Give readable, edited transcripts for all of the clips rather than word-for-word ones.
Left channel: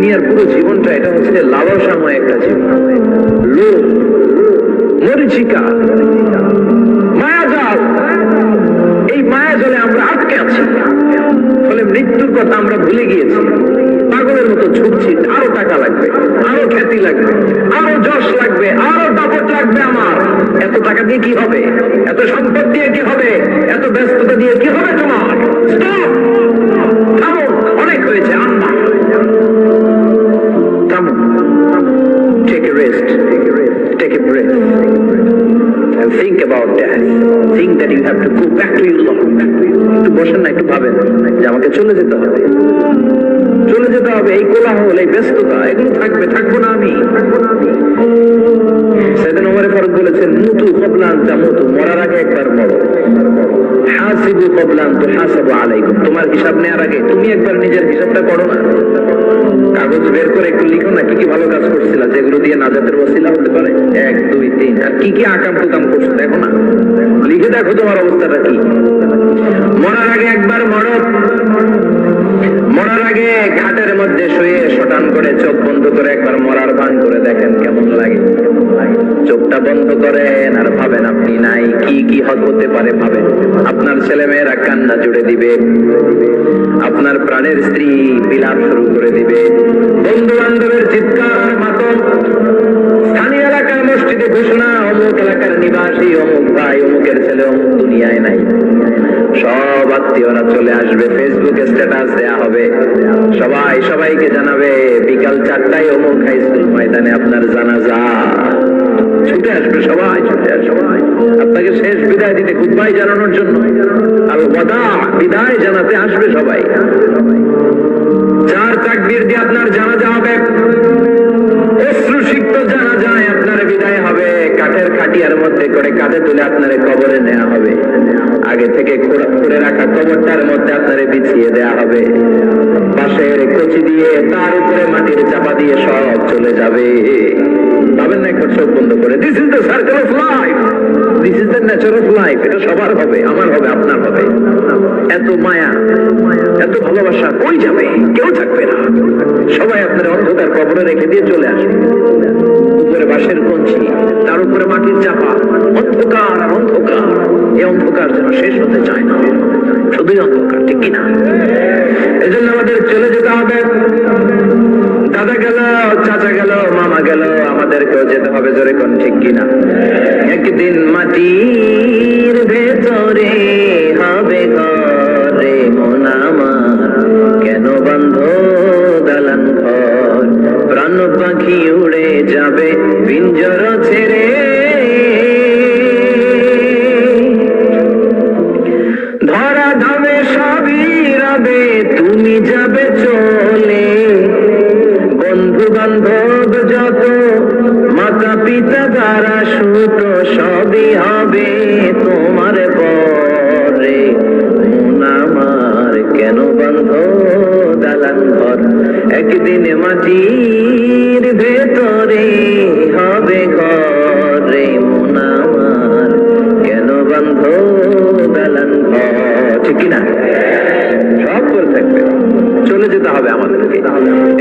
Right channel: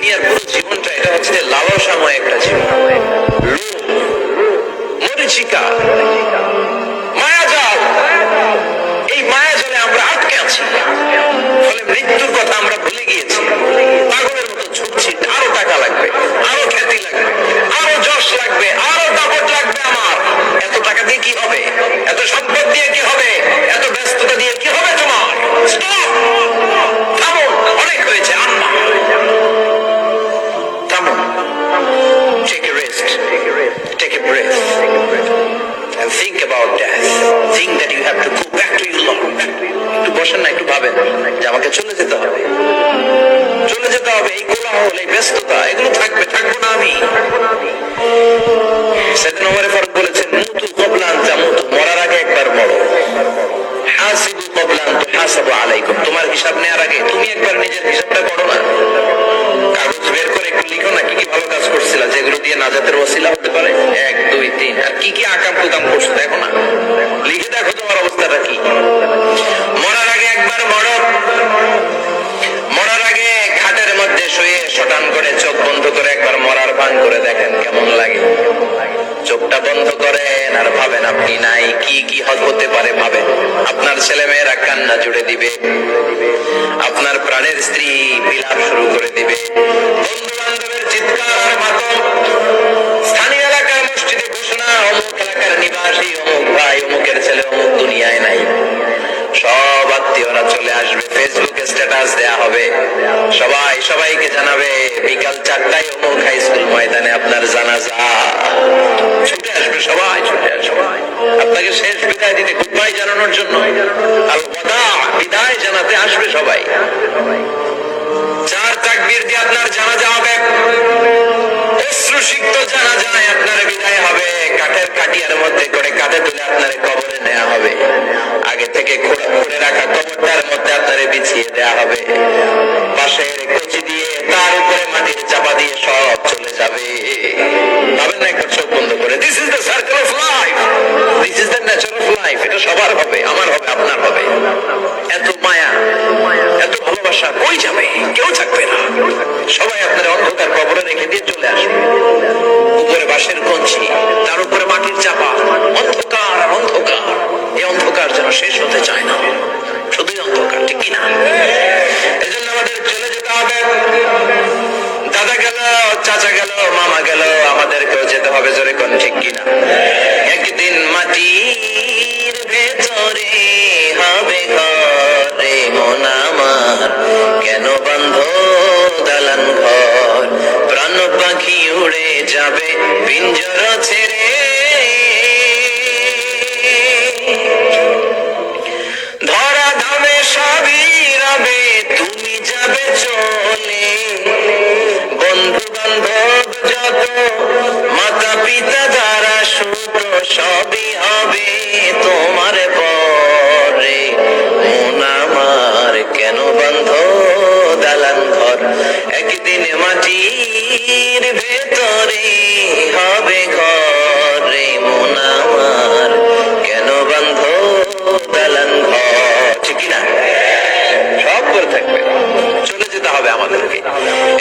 দুনিয়ার পুরো জীবনটা এটা হচ্ছে লালসাময় একটা জীবন, লোভ, মরিচিকা, মায়াজাল। এই মায়াজালে আমরা আটকে আছি, ফলে মৃত্যুর কথা আমরা ভুলে গিয়েছি। পাগলের মতো ছুটছি, আরো টাকা লাগবে, আরো খ্যাতি লাগবে, আরো যশ লাগবে, আরো দাপট লাগবে। আমার এত টাকা দিয়ে কি হবে, এত সম্পদ দিয়ে কি হবে, এত ব্যস্ততা দিয়ে কি হবে তোমার? স্টপ, থামো, অনেক হয়েছে, আম্মা থামো। Take a rest, take a breath and think about death. Think that you have to go back to your Lord. একটু বসেন না, একটু ভাবেন যে আমাকে চলে যেতে হবে, চলে যেতে হবে। এই কোলাহল, এই ব্যস্ততা, এগুলো থাকবে, থাকবো না আমি। সেদিন ওমর ফারুক বলেছেন, মুতু ক্বাবলা আন তামুতু, মরার আগে একবার মরো। হাসিবু ক্বাবলা আন তুহাসাবু আলাইকুম, তোমার হিসাব নেওয়ার আগে তুমি একবার নিজের হিসাবটা করো না। কাগজ বের করে একটু লিখো না, কি কি ভালো কাজ করছিলা, যেগুলো দিয়ে নাজাতের ওসিলা হতে পারে। 1, 2, 3, আর কি কি আকাম কুকাম করছো দেখো না, লিখে দেখো তোমার অবস্থাটা কি। মরার আগে একবার মরো। মরার আগে ঘাটের মধ্যে শুয়ে শটান করে চোখ বন্ধ করে একবার মরার ভান করে দেখেন কেমন লাগে। চোখটা বন্ধ করেন আর ভাবেন আপনি নাই, কি কি হতে পারে ভাবেন। আপনার ছেলে মেয়েরা কান্না জুড়ে দিবে, আপনার প্রাণের স্ত্রী বিলাপ শুরু করে দিবে, বন্ধু বান্ধবের চিৎকার আর মাতম, স্থানীয় এলাকায় মসজিদে ঘোষণা, অমুক এলাকার নিবাসী, অমুক ভাই, অমুকের ছেলে অমুক দুনিয়ায় নাই। সব আত্মীয়রা চলে আসবে, ফেসবুকে স্ট্যাটাস দেয়া হবে, সবাই সবাইকে জানাবে বিকাল 4টায় অমুক হাই স্কুল ময়দানে আপনার জানাজা। ছুটে আসবে সবাই, ছুটে আসবে আপনাকে শেষ বিদায় দিতে, গুড বাই জানানোর জন্য, আল ওয়াদা, বিদায় জানাতে আসবে সবাই। চার তাকবীর দিয়ে আপনার জানাজা হবে, অশ্রুসিক্ত জানাজায় আপনার বিদায় হবে। কাঠের কাটিয়ার মধ্যে করে কাঁধে তুলে আপনার কবরে নেওয়া হবে। আগে থেকে খুঁড়ে রাখা কবরটার মধ্যে আপনারে বিছিয়ে দেয়া হবে। পাশের কচি দিয়ে তার উপরে মাটির চাপা দিয়ে সব চলে যাবে। ভাবেন না একবার চোখ বন্ধ করে, this is the circle of life, this is the nature of life. এটা সবার হবে, আমার হবে, আপনার হবে। এত মায়া, এত ভালোবাসা কই যাবে? কেউ থাকবে না, সবাই আপনার অন্ধকার কবরে রেখে দিয়ে চলে আসবে। উপরে বাঁশের কঞ্চি, তার উপরে মাটির চাপা, অন্ধকার আর অন্ধকার। এই অন্ধকার যেন শেষ হতে চায় না, শুধুই অন্ধকার, ঠিক কিনা? এই জন্য আমাদের চলে যেতে হবে। দাদা গেল, চাচা গেল, মামা গেল, আমাদেরকেও যেতে হবে, জোরে কোন ঠিক কিনা? একদিন মাটির ভেতরে হবে ঘরে মন আমার, কেন বন্ধ দালান ঘর, প্রাণ পাখি উড়ে যাবে পিঞ্জর ছেড়ে। ধরা ধামে সবই রবে, তুমি যাবে চলে। বন্ধু বান্ধব যত, মাতা পিতা দ্বারা সুত, সবই হবে তোমার পরে। মন আমার কেন বন্ধ দালান ঘর, একদিন মাটির ভেতরে হবে ঘরে মন আমার, কেন বন্ধ দালান ঘর, ঠিক কিনা? সব করে থাকবে, চলে যেতে হবে আমাদেরকে।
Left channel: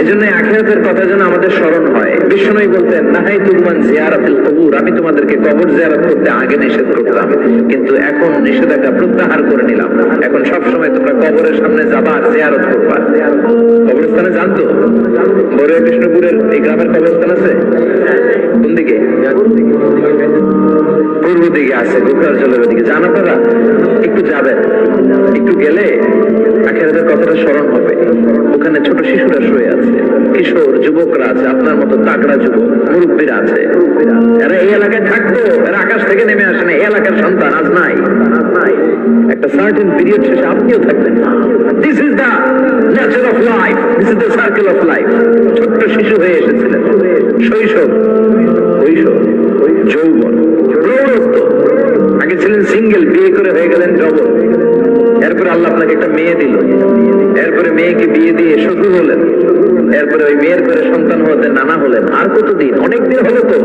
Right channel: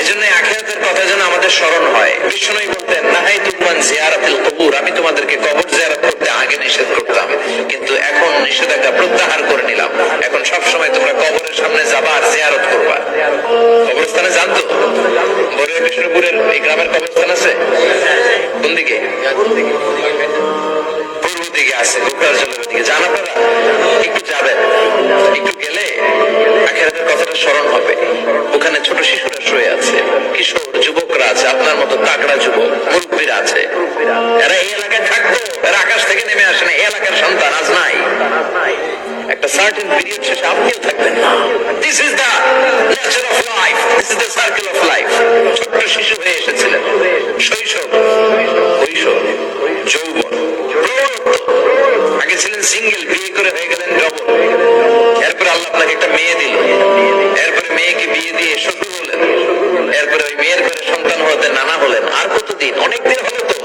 এজন্য আখিরাতের কথা যেন আমাদের স্মরণ হয়। বিষ্ণুই বলতেন, নাহাইতুকুম আন জিয়ারাতিল কুবুর, আমি তোমাদেরকে কবর জিয়ারত করতে আগে নিষেধ করতাম, কিন্তু এখন নিষেধাজ্ঞা প্রত্যাহার করে নিলাম। এখন সব সময় তোমরা কবরের সামনে যাবা আর জিয়ারত করবা। কবরস্থানে জানতো বড়ুয়া কৃষ্ণপুরের এই গ্রামের কবরস্থান আছে কোন দিকে? পূর্ব দিকে আছে, গোপালচলের দিকে। জান আপনারা? একটু যাবেন, একটু গেলে আখিরাতের কথাটা স্মরণ হবে। ওখানে ছোট শিশুরা শুয়ে আছে, কিশোর যুবকরা আছে, আপনার মতো তাগড়া যুবক, মুরব্বীরা আছে। এরা এই এলাকায় থাকতো, এরা আকাশ থেকে নেমে আসে না, এই এলাকার সন্তান আজ নাই। একটা সার্টেন পিরিয়ড শেষে আপনিও থাকবেন না। This is the nature of life, this is the circle of life. ছোট্ট শিশু হয়ে এসেছিলেন, শৈশব, কৈশোর, যৌবন, প্রৌঢ়ত্ব। আগে ছিলেন সিঙ্গেল, বিয়ে করে হয়ে গেলেন ডবল। এরপরে আল্লাহ আপনাকে একটা মেয়ে দিল, এরপরে মেয়েকে বিয়ে দিয়ে শ্বশুর হলেন, এরপরে ওই মেয়ের করে সন্তান হতে নানা হলেন। আর কতদিন? অনেক দিন হলো তো,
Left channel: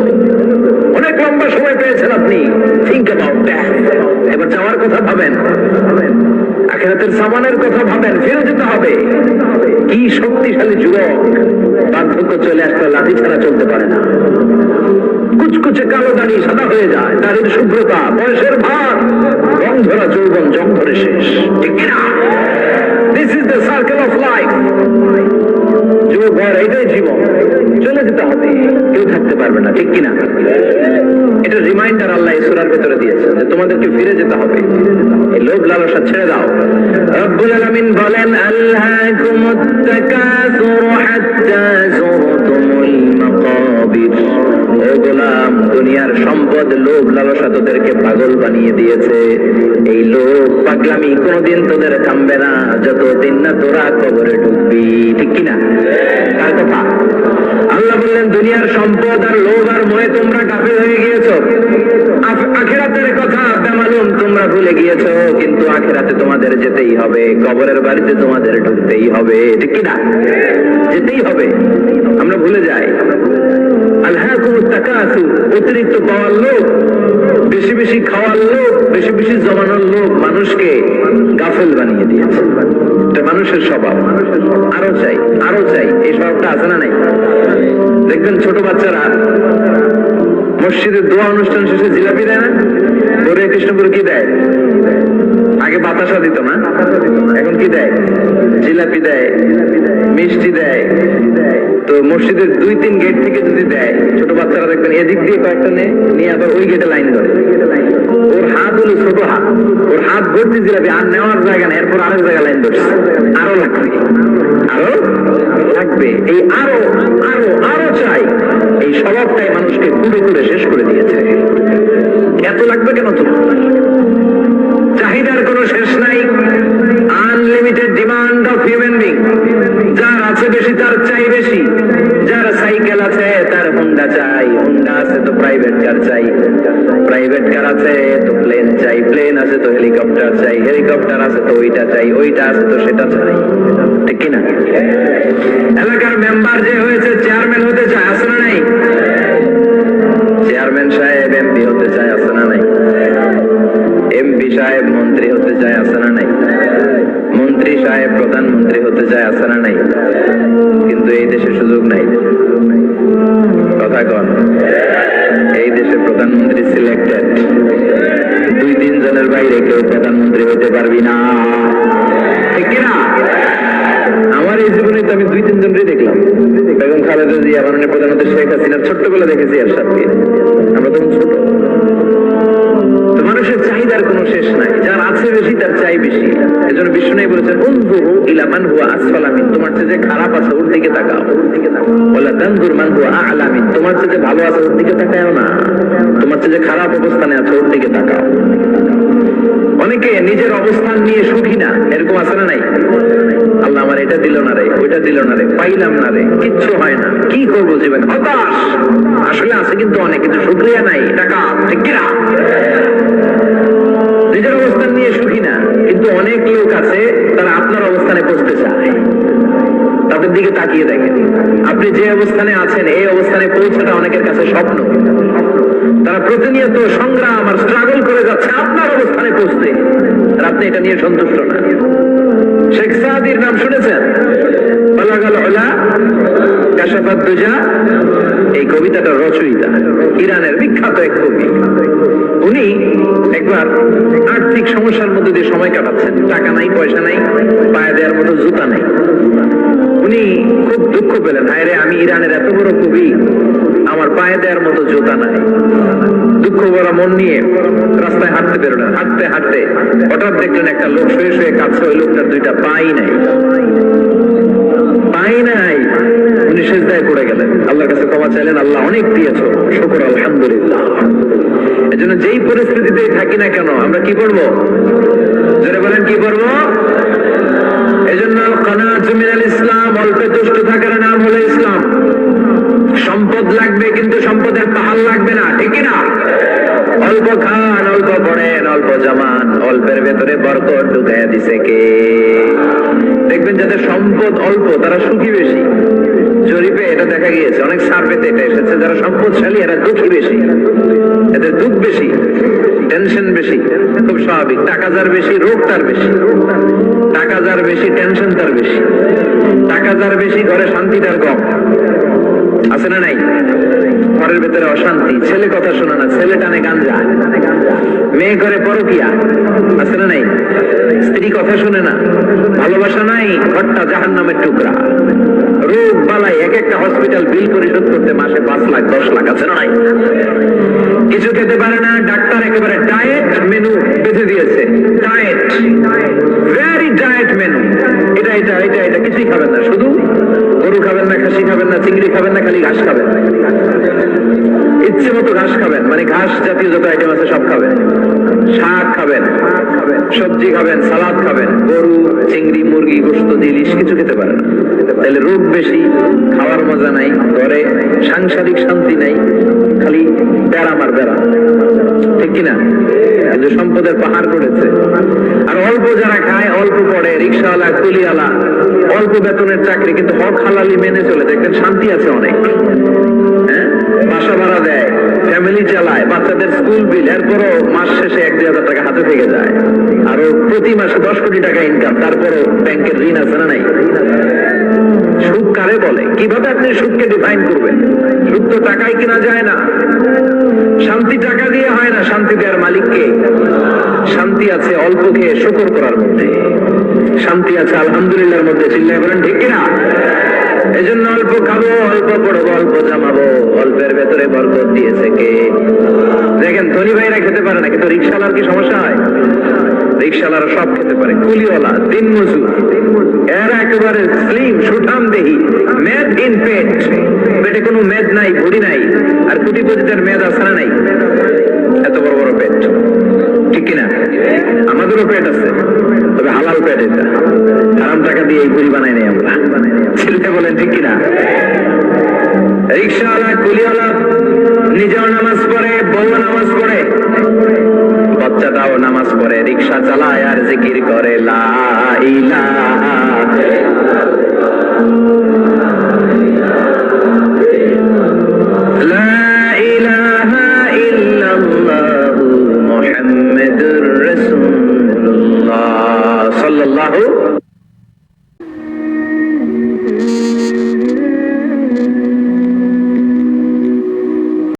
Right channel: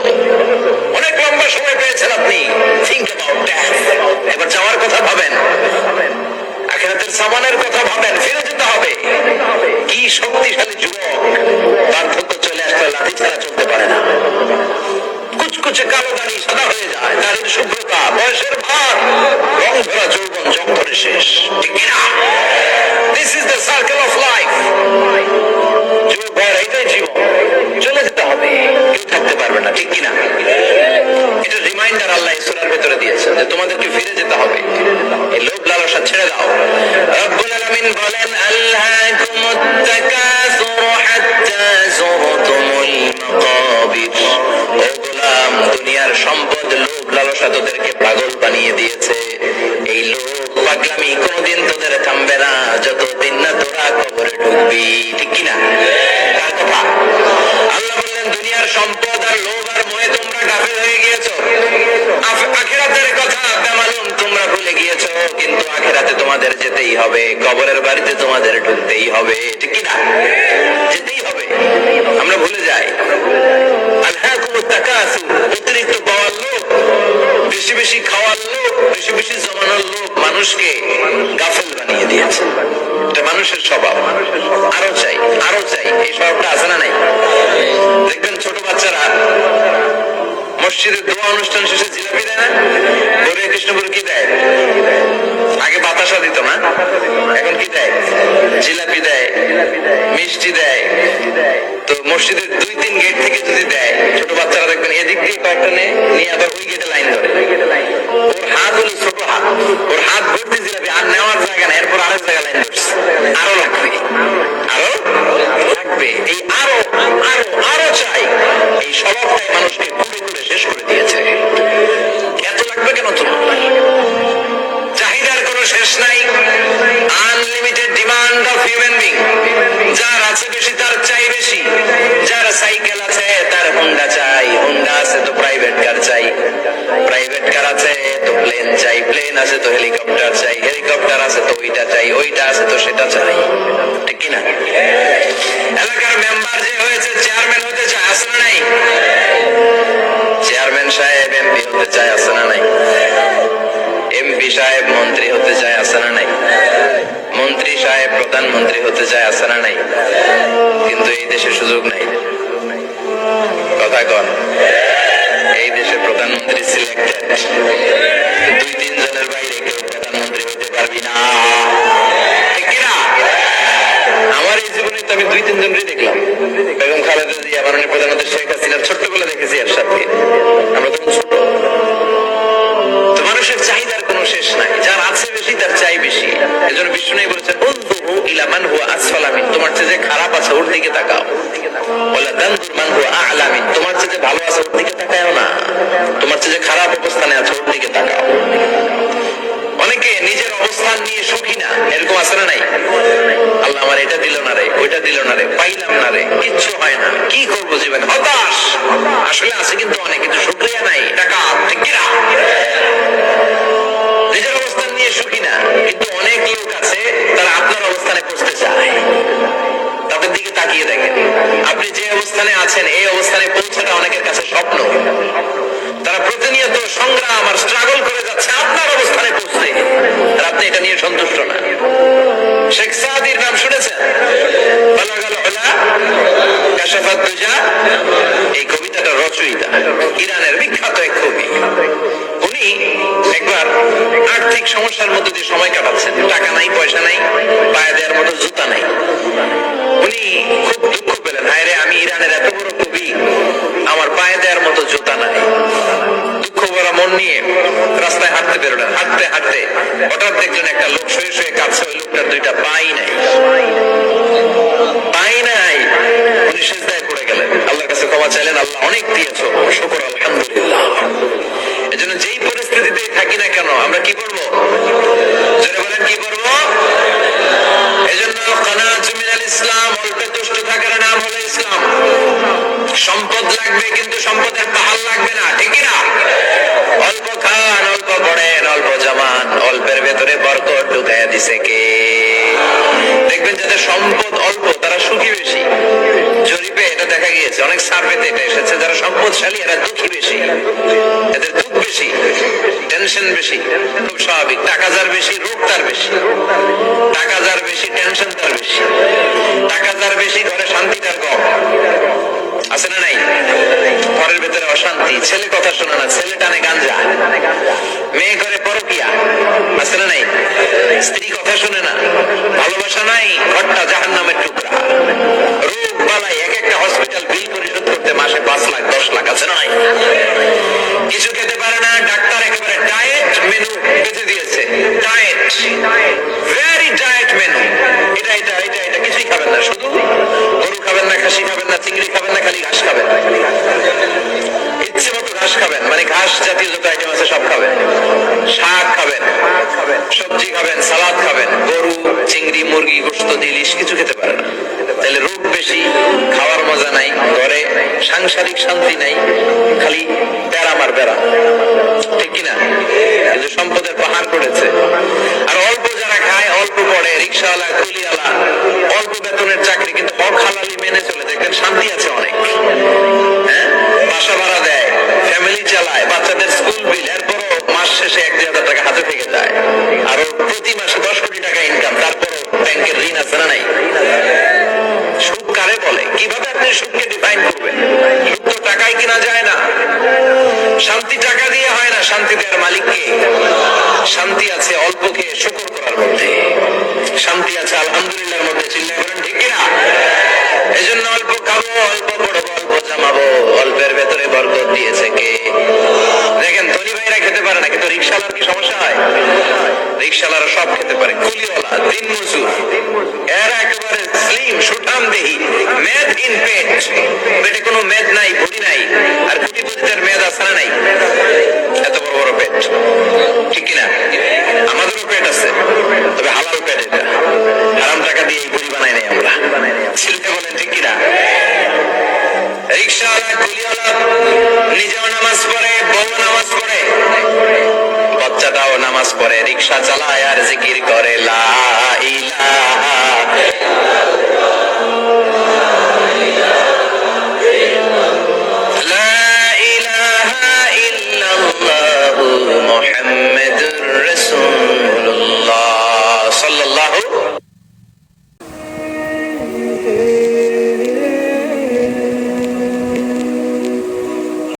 অনেক লম্বা সময় পেয়েছেন আপনি। Think about death. এবার যাওয়ার কথা ভাবেন, আখিরাতের সামানের কথা ভাবেন, ফিরে যেতে হবে। কি শক্তিশালী যুবক, ছাড়া চলতে পারে না। কুচকুচে কালো দাড়ি সাদা হয়ে যায়, দাড়ির শুভ্রতা, বয়সের ভার, রং ধরা যৌবন জং ধরে শেষ, ঠিক না? This is the circle of life. যুবক ভাইয়েরা, এটাই জীবন, চলে যেতে হবে, কেউ থাকতে পারবে না, ঠিক কিনা? এটা রিমাইন্ডার আল্লাহ এই সূরার ভিতরে দিয়েছেন যে তোমাদেরকে ফিরে যেতে হবে, এই লোভ লালসা ছেড়ে দাও। রব্বুল আলামিন বলেন, আল্লাকুমুত তাকাসুরু হাত্তা যুরতুমুল মাকাবির। ও গোলাম, দুনিয়ার সম্পদ, লোভ লালসা তোদেরকে পাগল বানিয়ে দিয়েছে। এই লোভ পাগলামি কোনোদিন তোদের থামবে না যতদিন না তোরা কবরে ঢুকবি, ঠিক কিনা? তার কথা আল্লাহ বললেন, দুনিয়ার সম্পদ আর লোভ আর মোহে তোমরা গাফিল হয়ে গিয়েছো। আখিরাতের কথা বেমালুম তোমরা ভুলে গিয়েছো, কিন্তু আখিরাতে তোমাদের যেতেই হবে, কবরের বাড়িতে তোমাদের ঢুকতেই হবে, ঠিক কিনা? যেতেই হবে, আমরা ভুলে যাই। আলহাকুমুত তাকাসুর, অতিরিক্ত পাওয়ার লোভ, বেশি বেশি খাওয়ার লোভ, বেশি বেশি জমানোর লোভ মানুষকে গাফিল বানিয়ে দিয়েছে। এটা মানুষের স্বভাব, আরো চাই আরো চাই, এই স্বভাবটা আছে না নাই? দেখবেন ছোট বাচ্চারা মসজিদে দোয়া অনুষ্ঠান শেষে জিলাপি দেয় না? গরে কৃষ্ণপুর কি দেয়? আগে বাতাসা দিত না, এখন কি দেয়? জিলাপি দেয়, মিষ্টি দেয়। তো মসজিদের 2-3 গেট থেকে যদি দেয়, ছোট বাচ্চারা দেখবেন এদিক দিয়ে কয়েকটা নিয়ে আবার ওই গেটে লাইন ধরে। ওর হাত হলো ছোট হাত, ওর হাত ভর্তি জিলাপি, আর নেওয়ার জায়গা না, এরপর আরেক জায়গায় লাইন ধরছে। আরো লাগবে, আরো লাগবে, এই আরো আরো আরো চাই, এই স্বভাবটাই মানুষকে কুড়ে কুড়ে শেষ করে দিয়েছে। এত লাগবে কেন তোমার? চাহিদার কোনো শেষ নাই, unlimited demand of human being. যার আছে বেশি তার চাই বেশি, যার সাইকেল আছে তার হোন্ডা চাই, হোন্ডা আছে তো প্রাইভেট কার চাই, প্রাইভেট কার আছে তো প্লেন চাই, প্লেন আছে তো হেলিকপ্টার চাই, হেলিকপ্টার আছে তো ওইটা চাই, ওইটা আছে তো সেটা চাই, ঠিক কিনা? এলাকার মেম্বার যে হয়েছে চেয়ারম্যান হতে চায়, আছে না নাই? চেয়ারম্যান সাহেব এমপি হতে চায়, আছে না নাই? এমপি সাহেব মন্ত্রী হতে চায়, আছে না নাই? মন্ত্রী সাহেব প্রধানমন্ত্রী হতে চায়, আছে না নাই? কিন্তু এই দেশে সুযোগ নাই, কথা কন। এই দেশে প্রধানমন্ত্রী সিলেক্টেড, 2-3 জনের বাইরে কেউ প্রধানমন্ত্রী হতে পারবি না, ঠিক কিনা? আমার এই জীবনে তো আমি 2-3 জনই দেখলাম। বেগম খালেদা জিয়া, মাননীয় প্রধানমন্ত্রী শেখ হাসিনা, ছোট্টবেলা দেখেছি এর সাথে, আমরা তখন ছোট। তো মানুষের চাহিদার কোনো শেষ নাই, যার আছে বেশি তার চাই বেশি। এজন্য বিষ্ণু বলেছেন, উনজুরু ইলা মান হুয়া আসফালা মিন, তোমার চেয়ে যে খারাপ আছে ওর দিকে তাকাও। ওয়ালা তানজুর মান হুয়া আ'লা মিন, তোমার চেয়ে যে ভালো আছে ওর দিকে তাকাও না, তোমার চেয়ে যে খারাপ অবস্থানে আছে ওর দিকে তাকাও। অনেকে নিজের অবস্থান নিয়ে সুখী না, এরকম আছে না নাই? আল্লাহ আমার এটা দিল না রে, ওইটা দিল না রে, পাইলাম না রে, কিচ্ছু হয় না, কি করবো জীবনে, হতাশ। আসলে আছে কিন্তু অনেক, কিন্তু শুকরিয়া নাই, টাকা, ঠিক কিনা? নিজের অবস্থান নিয়ে সুখী না, কিন্তু অনেক লোক আছে তারা আপনার অবস্থানে পৌঁছতে চায়। তাদের দিকে তাকিয়ে দেখেন, আপনি যে অবস্থানে আছেন এই অবস্থানে পৌঁছাটা অনেকের কাছে স্বপ্ন। তারা প্রতিনিয়ত সংগ্রাম আর স্ট্রাগল করে যাচ্ছে আপনার অবস্থানে পৌঁছতে, আর আপনি এটা নিয়ে সন্তুষ্ট না। শেখ সাদির নাম শুনেছেন? বালাগাল উলা কাশাফাত দুজা, এই কবিতাটা রচয়িতা, ইরানের বিখ্যাত এক কবি। উনি একবার আর্থিক সমস্যার মধ্যে দিয়ে সময় কাটাচ্ছেন, টাকা নাই, পয়সা নাই, পায়ে দেওয়ার মতো জুতা নাই। উনি খুব দুঃখ পেলেন, হায় রে, আমি ইরানের এত বড় কবি, আমার পায়ে দেওয়ার মতো জুতা নাই। দুঃখ ভরা মন নিয়ে রাস্তায় হাঁটতে বেরোলেন। হাঁটতে হাঁটতে হঠাৎ দেখলেন একটা লোক শুয়ে শুয়ে কাঁদছে, ওই লোকটার 2টা পাই নাই, পাই নাই। উনি সিজদায় পড়ে গেলেন, আল্লাহর কাছে ক্ষমা চাইলেন, আল্লাহ অনেক দিয়েছো, শুকর আলহামদুলিল্লাহ। এজন্য যেই পরিস্থিতিতেই থাকি না কেন আমরা কি করবো? জোরে বলেন, কি করবো? এজন্য কানাআতু মিনাল ইসলাম, অল্পে তুষ্ট থাকার নাম হলো ইসলাম। সম্পদ লাগবে কিন্তু সম্পদের পাহাড় লাগবে না, ঠিক না? অল্প খান, অল্প পড়েন, অল্প জমান, অল্পের ভেতরে বরকত ঢুকাইয়া দিছে কে? দেখবেন যাদের সম্পদ অল্প তারা সুখী বেশি। জরিপে এটা দেখা গিয়েছে, অনেক সার্ভেতে এটা এসেছে, যারা সম্পদশালী এরা দুঃখী বেশি, এদের দুঃখ বেশি, টেনশন বেশি। খুব স্বাভাবিক, টাকা যার বেশি রোগ তার বেশি, টাকা যার বেশি টেনশন তার বেশি, টাকা যার বেশি ঘরে শান্তি তার কম, আছে না নাই? অশান্তি, ছেলে কথা শোনে না, ছেলে টানে গাঞ্জা, মেয়ে করে পরকিয়া, আছে না নাই? স্ত্রী কথা শোনে না, ভালোবাসা নাই, ঘরটা জাহান্নামের টুকরা, রোগ বালাই, এক একটা হসপিটাল বিল পরিশোধ করতে মাসে 5 লাখ 10 লাখ, আছে না নাই? কিছু খেতে পারে না, ডাক্তার একেবারে ডায়েট মেনু বেঁধে দিয়েছে, ডায়েট, ভেরি ডায়েট মেনু, এটা এটা এটা এটা কিছুই খাবেন না, শুধু গরু খাবেন না, খাসি খাবেন না, চিংড়ি খাবেন না, খালি ঘাস খাবেন, ইচ্ছে মতো ঘাস খাবেন, মানে ঘাস জাতীয় যত আইটেম আছে সব খাবেন, শাক খাবেন, সবজি খাবেন, সালাদ খাবেন, গরু, চিংড়ি, মুরগি, গোশত, ইলিশ কিছু খেতে পারে না। তাহলে রোগ বেশি, খাওয়ার মজা নাই, ঘরে সাংসারিক শান্তি নাই, খালি বেড়াম আর বেড়াম, ঠিক কিনা? কিন্তু সম্পদের পাহাড় করেছে। আর অল্প যারা খায়, অল্প পড়ে, রিক্সাওয়ালা, কুলিওয়ালা, অল্প বেতনের চাকরি, কিন্তু হক হালালি মেনে চলে, দেখেন শান্তি আছে অনেক। হ্যাঁ, বাসা ভাড়া দেয়, ফ্যামিলি চালায়, বাচ্চাদের স্কুল বিল, এরপরও মাস শেষে 1-2 হাজার টাকা হাতে থেকে যায়, আরো প্রতি মাসে 10 কোটি টাকা ইনকাম, তারপরও ব্যাংকের ঋণ আছে না নাই? সুদ কারে বলে? কিভাবে আপনি সুদকে ডিফাইন করবেন? সুদ তো টাকায় কিনা যায় না। শান্তি টাকা দিয়ে হয় না, শান্তি দেওয়ার মালিককে। শান্তি আছে অল্পকে শুকর করার মধ্যে, শান্তি আছে আলহামদুলিল্লাহর মধ্যে, চিল্লায় বলেন ঠিক কিনা? এই জন্য অল্প খাবো, অল্প পড়বো, অল্প জামাবো, অল্পের ভেতরে বরকত দিয়েছে কে? দেখেন ধনী ভাইরা খেতে পারে না, কিন্তু রিক্সাওয়ালার কি সমস্যা হয়? রিক্সাওয়ালারা সব খেতে পারে, কুলিওয়ালা, দিন মজুর, এরা একেবারে স্লিম, সুঠাম দেহি, মেদহীন পেট, পেটে কোনো মেদ নাই, ভুড়ি নাই, আর কোটিপতিদের মেদ আছে না নাই? এত বড় বড় পেট, ঠিক কিনা? আমাদেরও পেট আছে, তবে হালাল পেট, এটা হারাম টাকা দিয়ে এই পুরি বানাই নাই আমরা, ছেলেটা বলেন ঠিক কিনা? রিক্সাওয়ালা, কুলিওয়ালা নিজেও নামাজ পড়ে, বউ নামাজ পড়ে, বাচ্চাটাও নামাজ পড়ে, রিক্সা চালায় আর জিকির করে লা ইলাহা